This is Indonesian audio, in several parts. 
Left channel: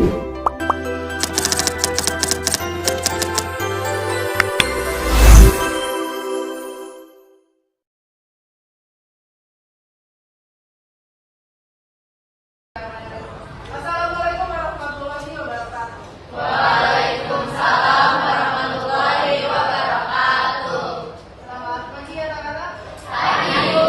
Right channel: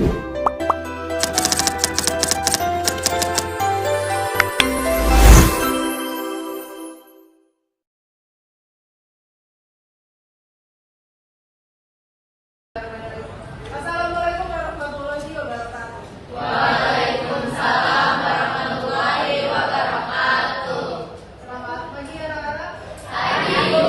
Assalamualaikum warahmatullahi wabarakatuh. Waalaikumsalam warahmatullahi wabarakatuh. Selamat pagi ya anak-anak. Pagi, Bu.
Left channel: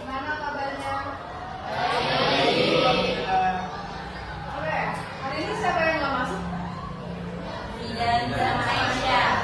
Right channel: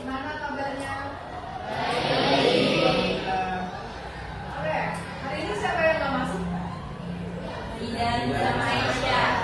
Gimana kabarnya? Baik. Oke, hari ini siapa yang nggak masuk? Zidan dan Aisyah.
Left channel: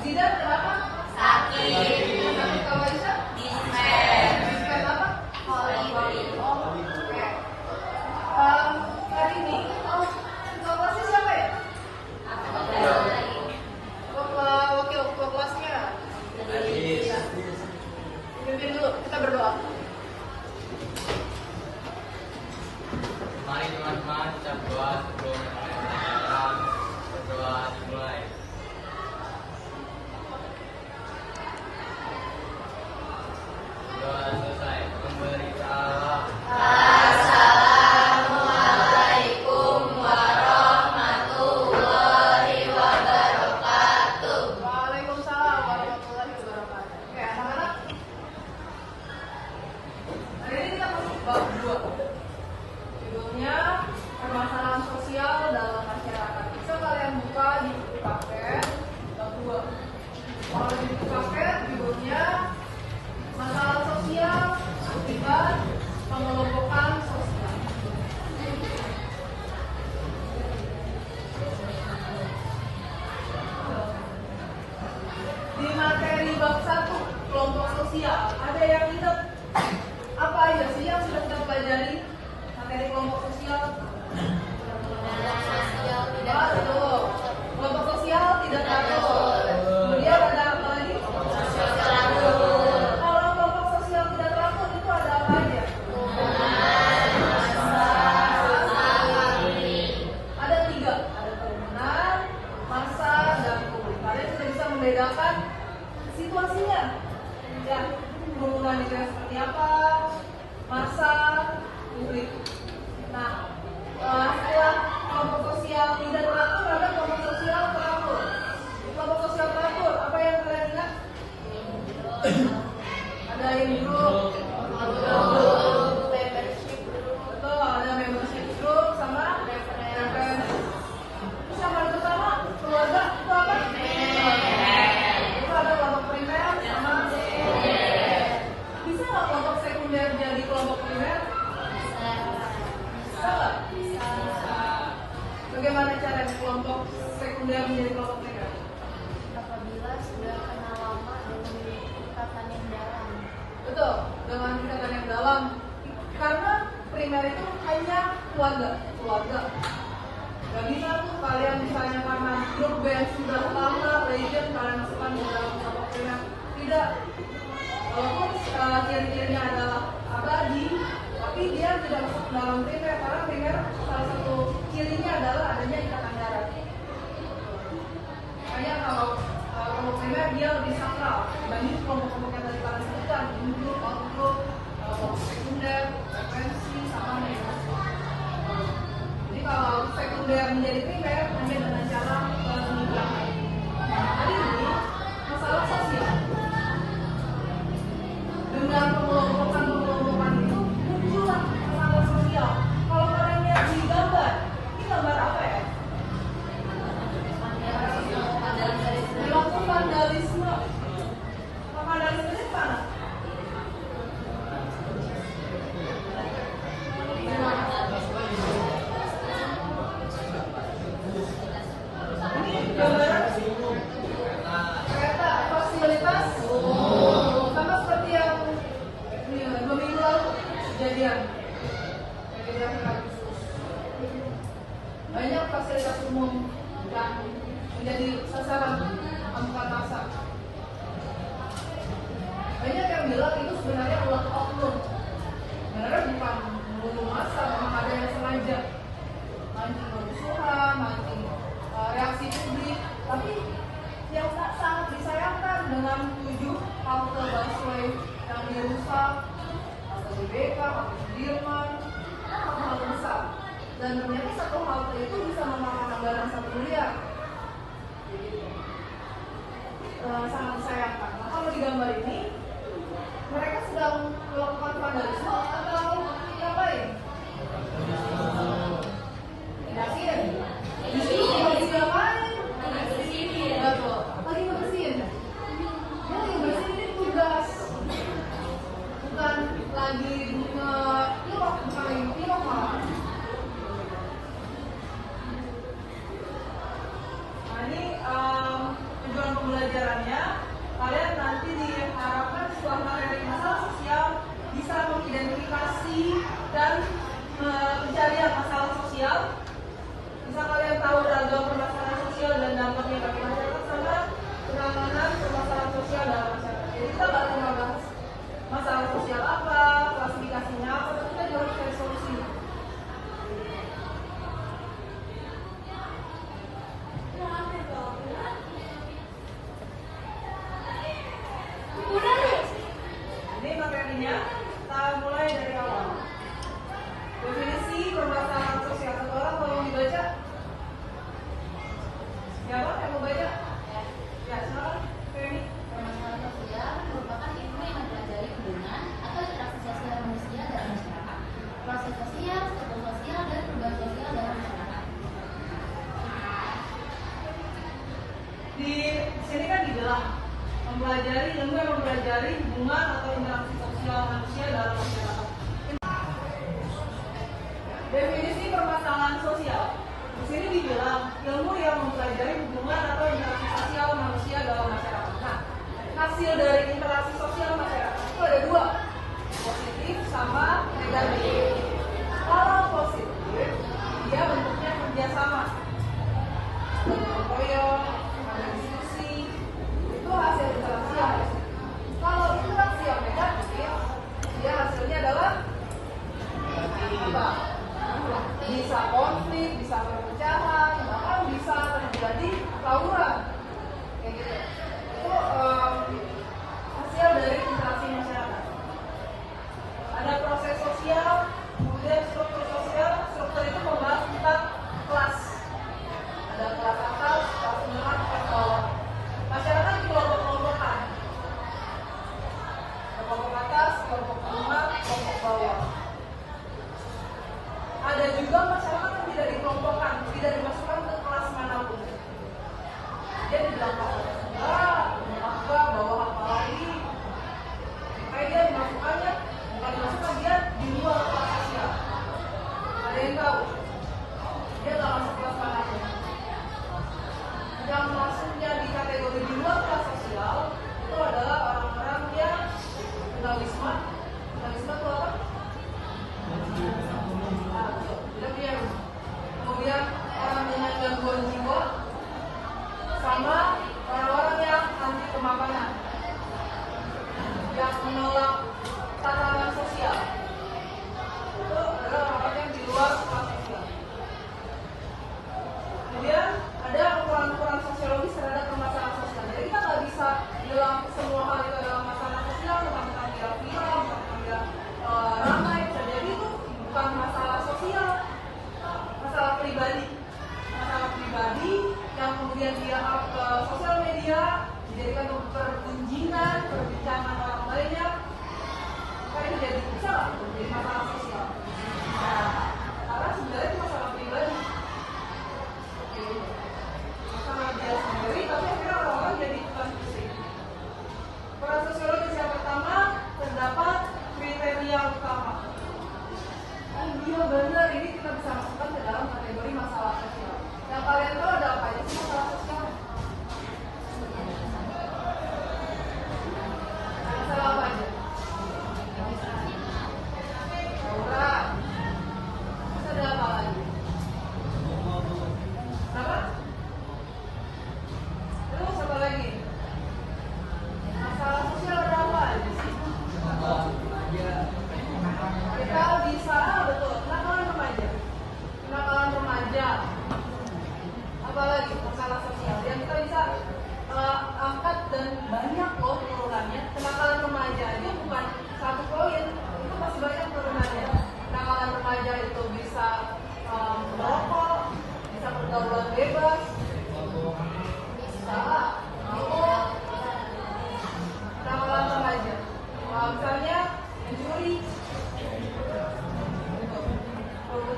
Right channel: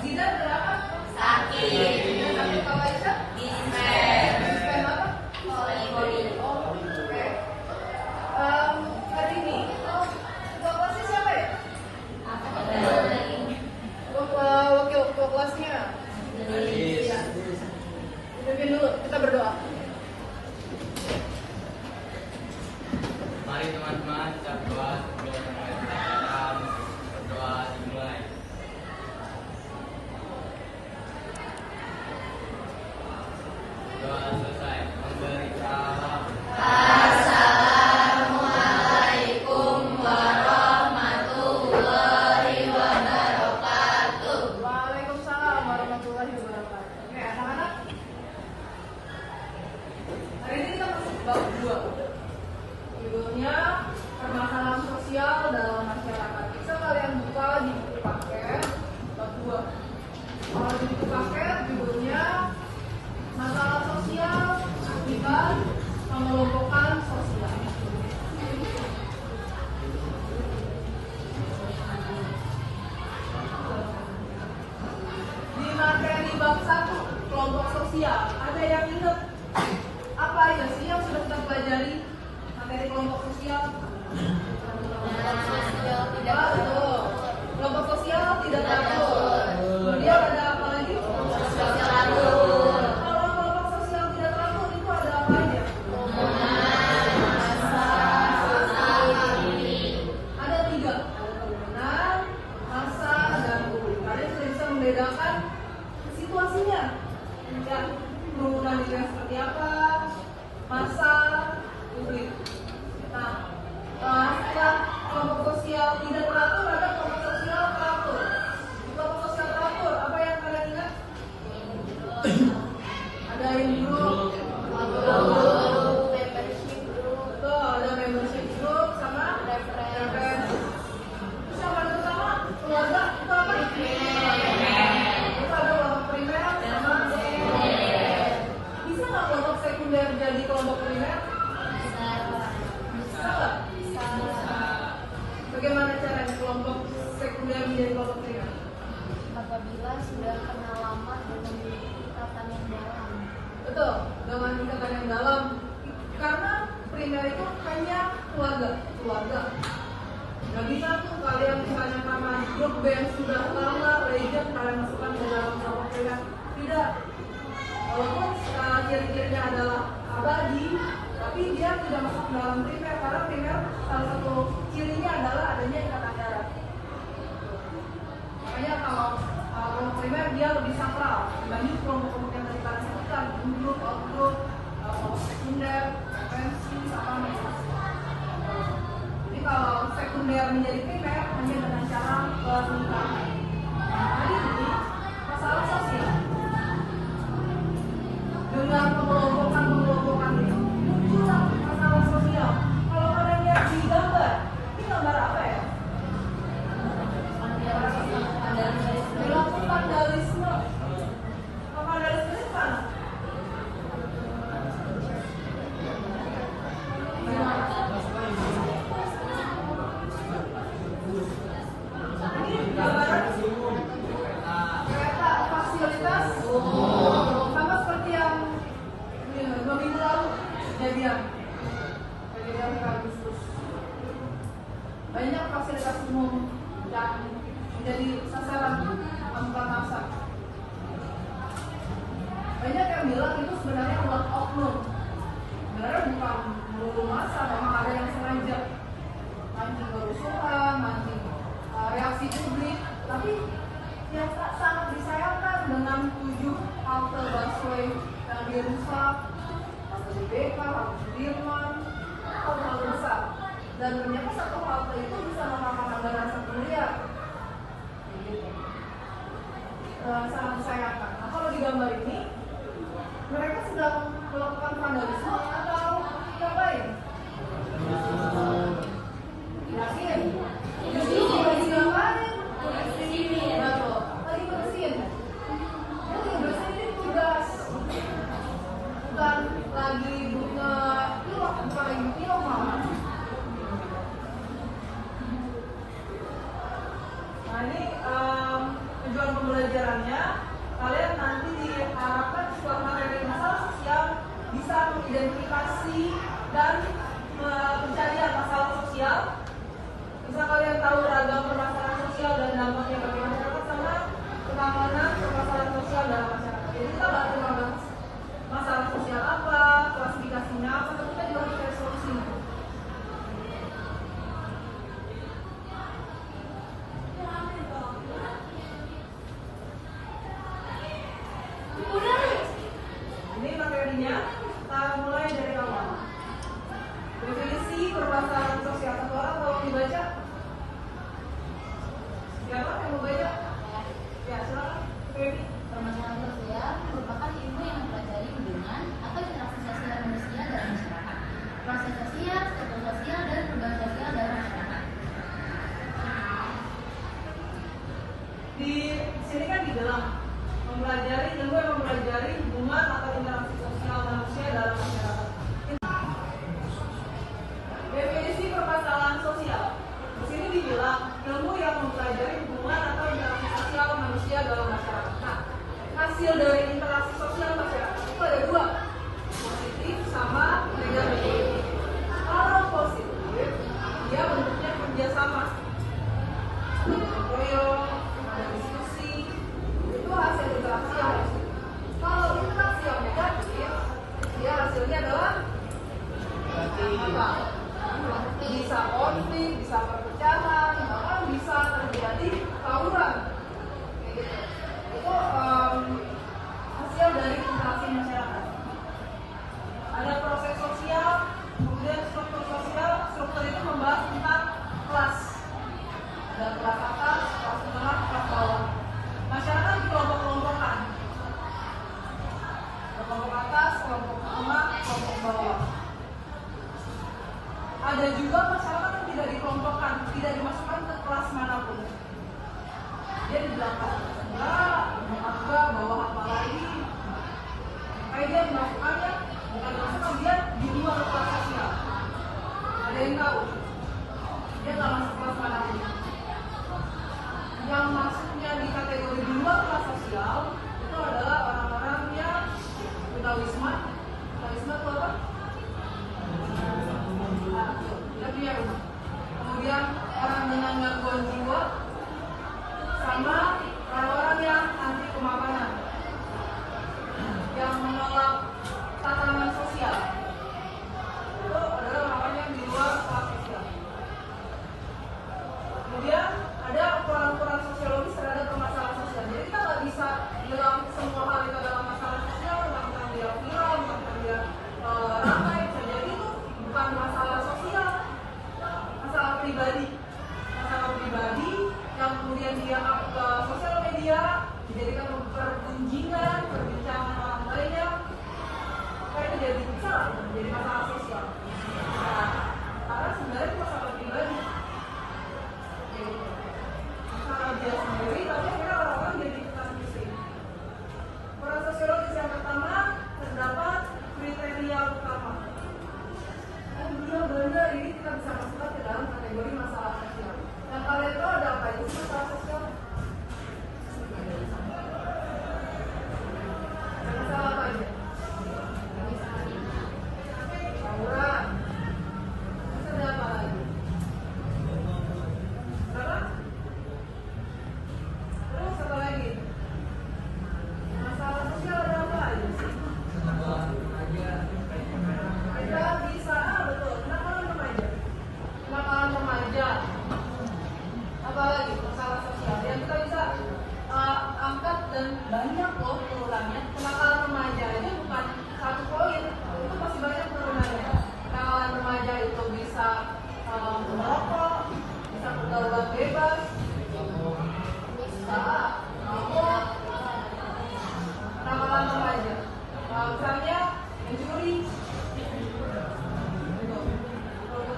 Zidan kenapa? Sakit. Sakit kalau Aisyah? Dispen. Dispen apa? Poli. Oke. Hari ini ketua kelasnya siapa ya? Wakil ketua kelasnya. Ya. Pimpin dulu, kita berdoa. Mari teman-teman kita berdoa berdoa dimulai. Doa selesai. Memberitalah Assalamualaikum warahmatullahi wabarakatuh. Waalaikumsalam warahmatullahi wabarakatuh. Oke, anak-anak. Hari ini kita masuk bab 2. Judulnya permasalahan sosial dalam masyarakat. Bisa kalian buka di buku paket bab 2. Kalau di buku paket judulnya masalah sosial akibat pengelompokan sosial. Di materi bab 1 kelompok sosial ada yang ingat apa aja sih yang sudah kita pelajari materi kelompok sosial? Betul. Kelompok sosial tidak teratur. Kemudian ada apa lagi? Kalau kelompok sosial tidak teratur itu ada apa aja? Ada 3. Ada kerumunan, massa, dan kulit. Kalian sudah bisa membedakan situasinya. Dan kerumunan itu yang seperti apa? Massa, kulit. Nah, setelah kelompok sosial tidak teratur, ada kelompok sosial teratur. Kelompok sosial teratur, apa yang kalian ingat? Ada yang grup, membership group, tuh ada membership group sama referensi. Terus yang paling utama keluarga itu apa? Itu ada kelompok primer sama sekunder. Bisa nggak kelompok sekunder jadi kelompok primer? Bisa nggak? Bagaimana caranya kelompok sekunder menjadi kelompok primer? Apabila sudah kenal lama dan memiliki ikatan yang dalam. Betul, dengan ikatan yang dalam. Karena primer itu hanya keluarga. Gak bisa tuh kalian misalnya karena grup band sudah lama legend kalian masukkan ke dalam kelompok primer. Tidak. Walaupun ciri-cirinya adalah abadi, tapi dia tidak masuk ke dalam primer karena primer salah satu cirinya adalah adanya ikatan darah. Makanya kalau kelompok primer dia lebih sakral dibanding kelompok-kelompok yang tadi kalian sebutkan, grup, outgroup, kelompok sekunder, referensi, sama mahasiswa. Jadi kalau sekunder menjadi primer hanya dengan cara pernikahan. Hari ini masalah sosial dengan pengelompokan itu muncullah masalah sosial. Kalau kalian lihat di gambar, ini gambar apa ya? Kelompok vandalisme. Kelompok vandalisme itu mana? Ini gambaran kereta fasilitas sama seperti yang 2 minggu lalu kejadian Agustus. Banyak fasilitas umum yang menjadi sasaran amukan massa. Banyak yang bilang itu sebenarnya adalah oknum. Sebenarnya bukan melulu massa, memang ada yang sengaja mancing kerusuhan, mancing reaksi publik. Tapi yang sangat disayangkan dengan 7 halte busway yang dirusak, halte BK, halte Sudirman, hal-hal besar. Dan ternyata satu halte itu bisa memakan anggaran 1 miliar. Sangat disayangkan. Nah, kalau di gambar ini mereka sedang melakukan vandalisme atau ngapain? Yakin? Justru lagi ngapain? Betul. Lagi bersihin. Yang bersihin ini tugas. Bukan lagi pilok, bukan lagi pilok malah. Nah ini tujuan pembelajarannya, kalian nanti diharapkan setelah materi masalah sosial bisa mengidentifikasi dan pencarian masalah sosial. Bisa kalian tahu ragam permasalahan sosial dan dampaknya bagi masyarakat sama penanganan permasalahan sosial dalam masyarakat. Jadi kita nggak cuma bahas masalah sosial apa, klasifikasinya apa, tapi kita juga harus cari solusinya. Ini materinya, kita mulai dari awal. Definisi permasalahan sosial. Satu orang tolong dibaca. Siapa yang mau baca? Ya, silakan. Femi. Permasalahan sosial merupakan ilmu yang mempelajari hubungan atau interaksi sosial manusia dalam masyarakat, proses sosial, struktur sosial, dan perubahan sosial dalam masyarakat. Di sini kan dibilang mempelajari ilmu yang mempelajari hubungan atau interaksi sosial manusia dalam masyarakat. Definisi permasalahan sosial. Di sini dibilang ilmu yang mempelajari hubungan atau interaksi sosial manusia dalam masyarakat. Nah, hasil dari interaksi sosial masyarakat itu ada dua, positif sama negatif. Kalau positif, dia bentuknya kerjasama, gotong royong, ada diskusi, itu hasil interaksi yang positif. Kalau interaksi yang negatif, dia hasilnya adalah apa? Bisa konflik, bisa perpecahan, bahkan bisa terjadi tawuran. Kayak gitu. Itu hasil dari interaksi masyarakat. Ada proses sosial, kemudian struktur sosial. Struktur itu membahas tentang kelas. Ada kelas atas, kelas menengah, kelas bawah. Masyarakat dikelompok-kelompokkan. Kelompok atas, kelompok menengah, kelompok bawah. Ada juga masyarakat yang tidak dikelompokkan, tidak dimasukkan ke kelas manapun. Dia di belakang enggak, bawah apa lagi. Makanya dia dimasukkannya, bukan dimasukkan, dia di luar kelas sosial. Ada yang tahu? Dia nggak masuk kelas manapun. Yang masuknya di kategori di luar kelas sosial itu adalah orang-orang yang tunawisma. Tunawisma itu apa? Tidak punya rumah. Kemudian orang dengan gangguan jiwa sama orang-orang yang anti kemapanan, yang menolak tatanan sosial. Itu adalah orang-orang yang di luar kelas sosial. Kemudian ada ukuran-ukuran sosiologis terhadap permasalahan sosial. Jadi kita nggak bisa bilang semua hal itu adalah masalah sosial, bukan bilang viral, bukan bilang ramai. Jadi itu bukan masalah sosial, masalah pribadi. Masalah pribadi yang kemudian dianggap ke sosial media, dijadikan perbincangan, perbincangan orang banyak. Supaya itu jadi bicara, menjadi masalah sosial. Nah, karena sebenarnya itu masalah pribadi. Masalah dia sendiri, tapi akhirnya orang-orang jadi ikutan pusing. Ukuran sosiologis yang pertama, terdapat kriteria utama. Iya benar, ini kita bisa masukkan ke dalam kategori masalah sosial. Yang kalian tahu ada apa aja sih masalah sosial? Masalah apa aja?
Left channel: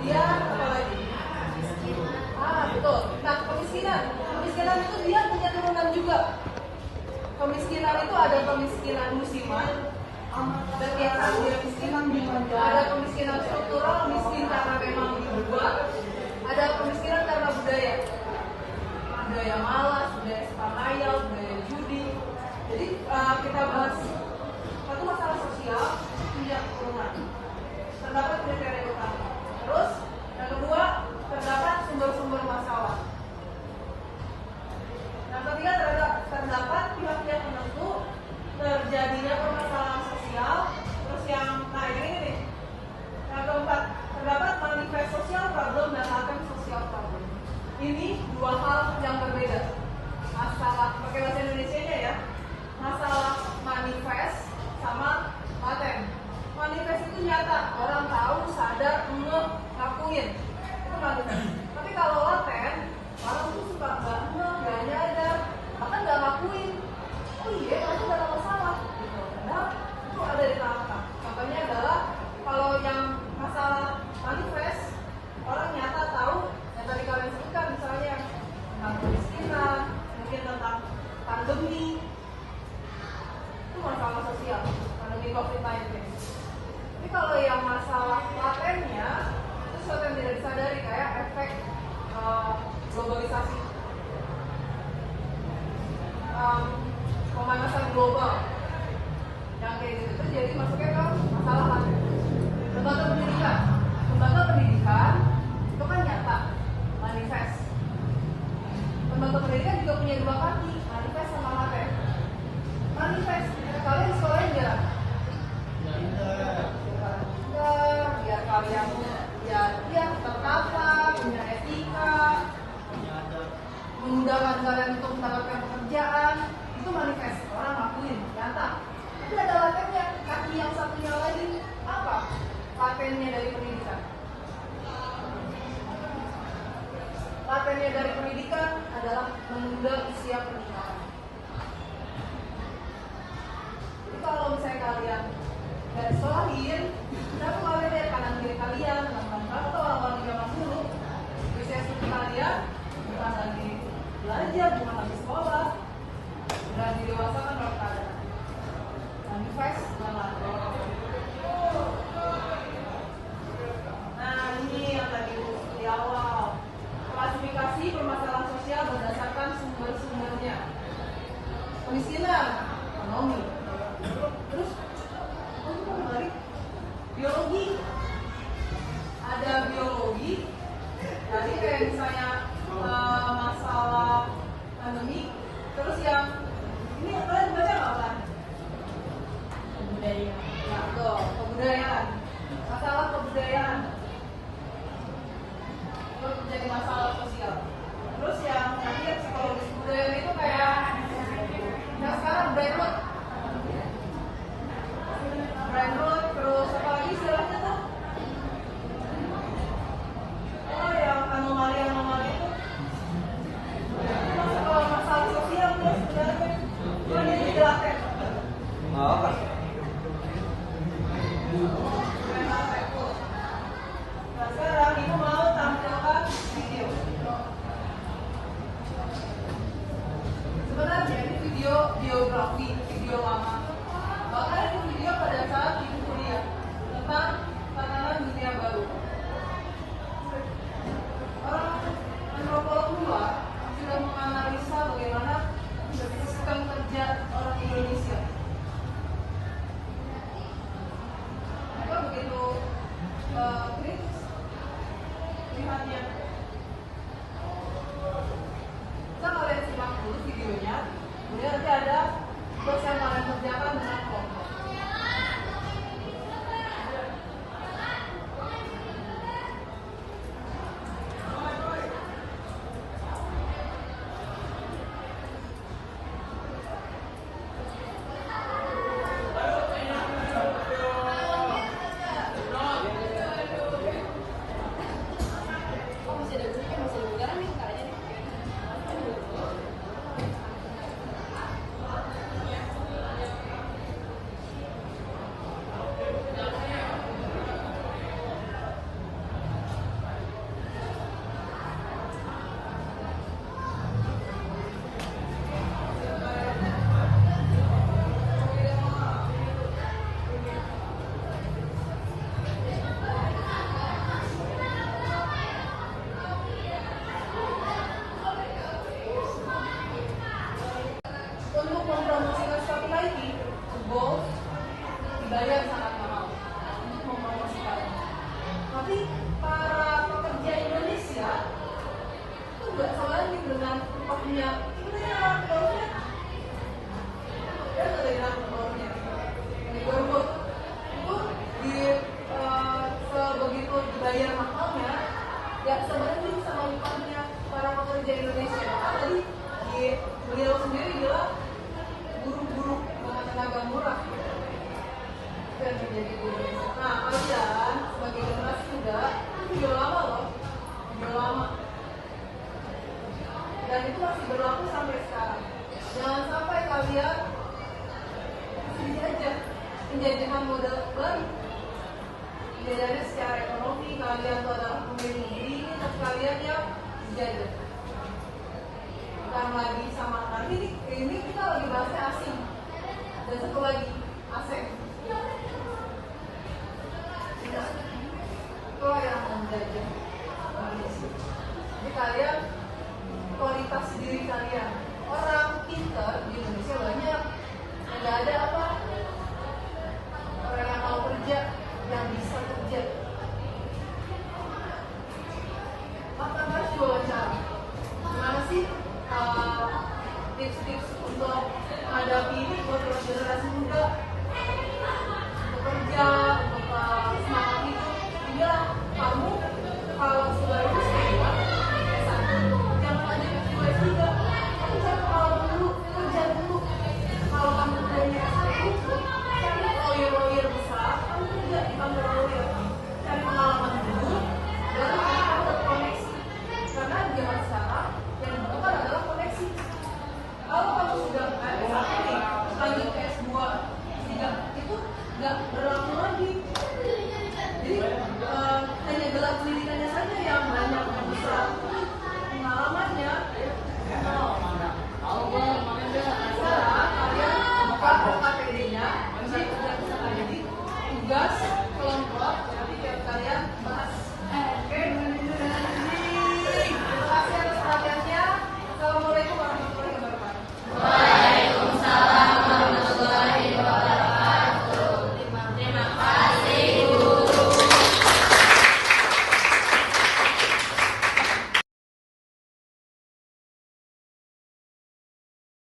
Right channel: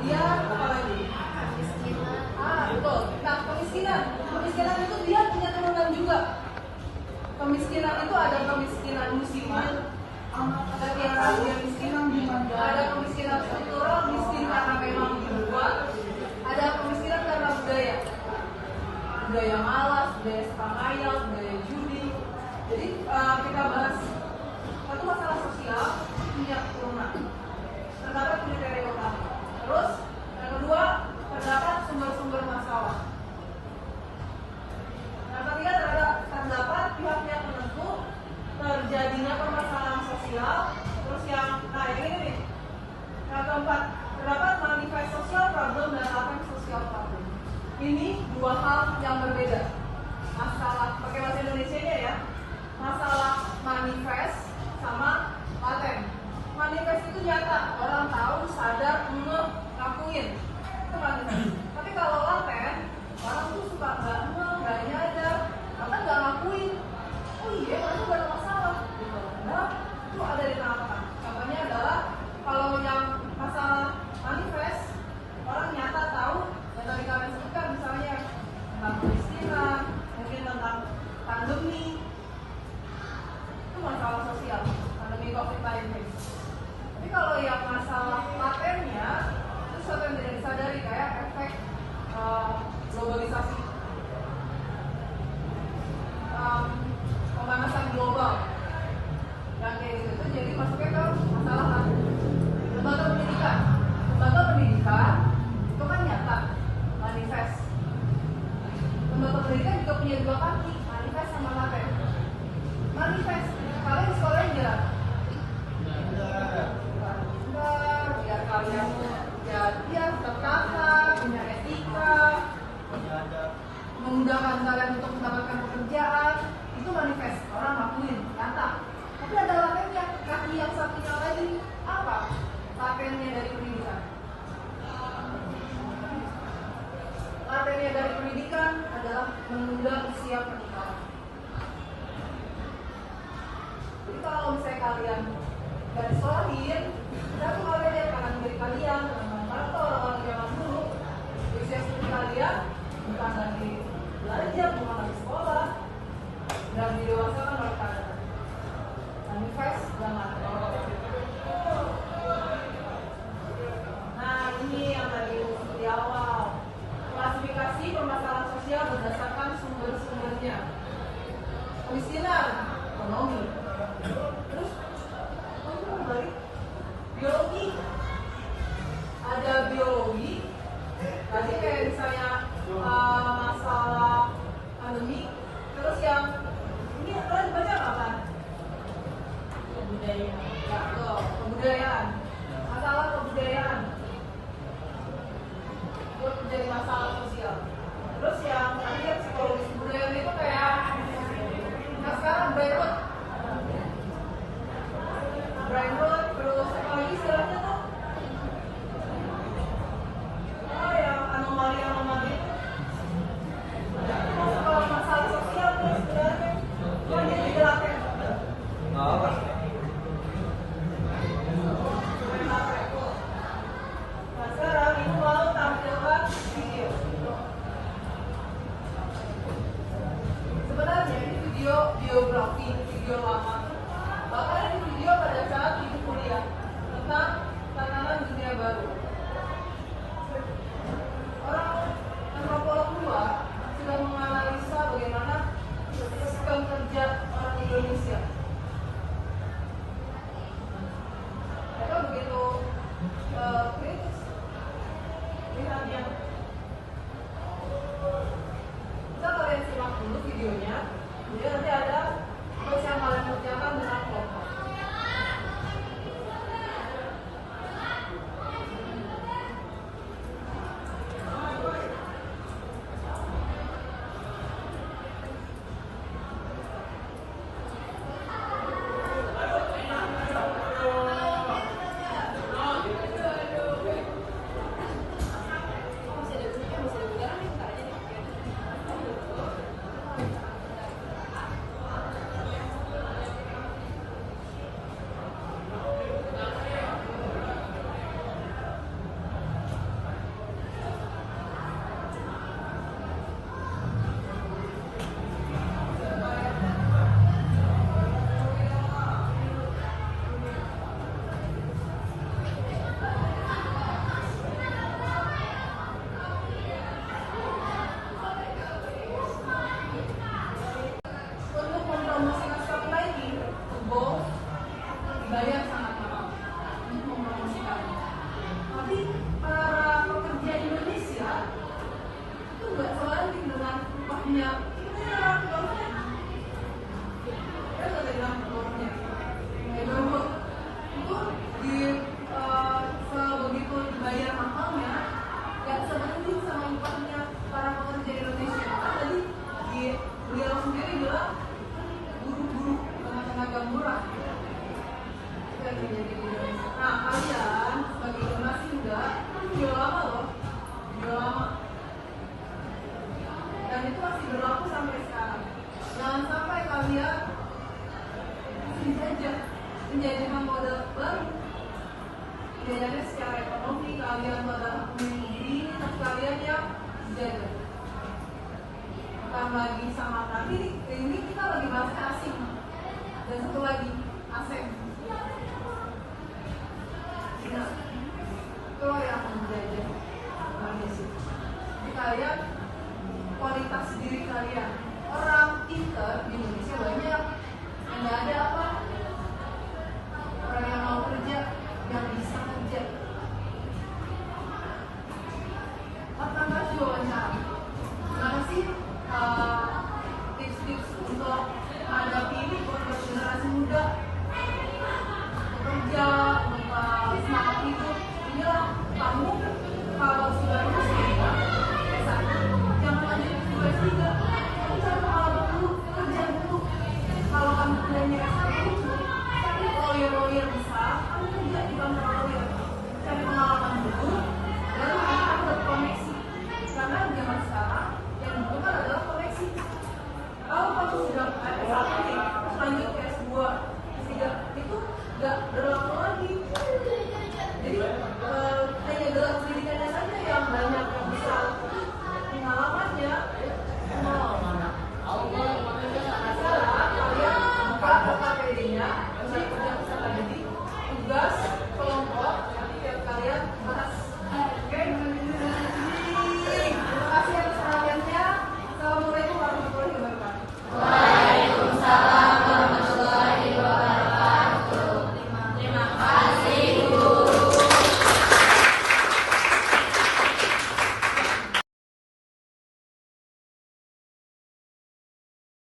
kemudian apa lagi? Betul. Nah, kemiskinan itu dia punya turunan juga. Kemiskinan itu ada kemiskinan musiman, dan yang ada kemiskinan struktural, miskin karena memang dibuat. Ada kemiskinan karena budaya malas, budaya suka khayal, budaya judi. Jadi kita bahas satu masalah sosial punya turunan. Terdapat kriteria utama. Terus yang kedua, terdapat sumber-sumber masalah. Yang ketiga, terdapat pihak-pihak penentu terjadinya permasalahan sosial. Terus yang ini nih. Yang keempat, terdapat manifest social problem dan latent social problem. Ini dua hal yang berbeda. Masalah pakai bahasa Indonesia-nya ya. Masalah manifest sama laten. Manifest itu nyata, orang tahu, sadar, ngakuin. Itu manifest. Tapi kalau laten, orang tuh suka nggak nyadar, bahkan nggak ngakuin. Oh iya, itu gak ada masalah. Padahal itu ada di tengah-tengah. Contohnya adalah kalau yang masalah manifest, orang nyata tahu, yang tadi kalian sebutkan misalnya tentang kemiskinan, mungkin tentang pandemi, itu masalah sosial, pandemi COVID-19. Tapi kalau yang masalah latennya, itu sesuatu yang tidak disadari, kayak efek globalisasi, pemanasan global, yang kayak gitu jadi masuknya ke masalah laten. Lembaga pendidikan itu kan nyata, manifest. Lembaga pendidikan juga punya dua kaki, manifest sama laten. Manifest, kalian di sekolah enggak? Enggak, biar kalian tertata, punya etika, memudahkan kalian untuk mendapatkan pekerjaan, itu manifest, orang ngakuin, nyata. Tapi ada latennya, kaki yang satunya lagi, apa? Latennya dari pendidikan. Latennya dari pendidikan adalah menunda usia pernikahan. Jadi kalau misalnya kalian dari sekolahin, dan kalian lihat kanan kiri kalian, dengan orang-orang zaman dulu, usia studi kalian bukan lagi belajar, bukan lagi sekolah, dan didewasakan oleh keadaan. Manifest dan laten. Nah, ini yang tadi di awal. Klasifikasi permasalahan sosial berdasarkan sumber-sumbernya. Kemiskinan, ekonomi. Terus, kembali biologi. Ada biologi. Tadi kayak misalnya masalah pandemi. Terus yang ini kalian baca apa? Kebudayaan. Masalah kebudayaan. Terus menjadi masalah sosial. Terus yang tadi psikologi kebudayaan itu kayak yang sekarang Brandwood, terus apa lagi istilahnya tuh? Oh, yang anomali itu masuk ke masalah punya ya ada bilang bawahnya neighborhood itu di sebegitu dibayar mahalnya ya sebenarnya sama upahnya para pekerja Indonesia. Tadi di beliau sendiri bilang buruh-buruh dengan tenaga murah itu yang terjadi di Indonesia. Nah kalian sebagai generasi muda itu udah lama loh, udah lama, dan itu masih berlaku sampai sekarang. Jangan sampai kalian dijajah, menjadikan modal baru. Jadi secara ekonomi kalian adalah pemilik diri, tapi kalian yang dijajah. Bukan lagi sama tadi, ini kita lagi bahasnya asing. Dan satu lagi, asing. Itu yang menjajah Indonesia. Jadi kalian, kualitas diri kalian. Orang pintar di Indonesia banyak. Yang nggak ada apa? Orang yang mau kerja, yang bisa kerja. Pertama itu wawancara. Gimana sih tips-tips untuk menghadapi ini buat generasi muda bekerja, untuk semangat hidup? Ya, kamu kalau sudah lulus kerja, jangan aja juga. Kamu cari pengalaman dulu, kerja dulu. Kalau kamu kerjanya itu, cari lawyer besar, kamu kerja di kantor lawyer. Cari pengalaman dulu,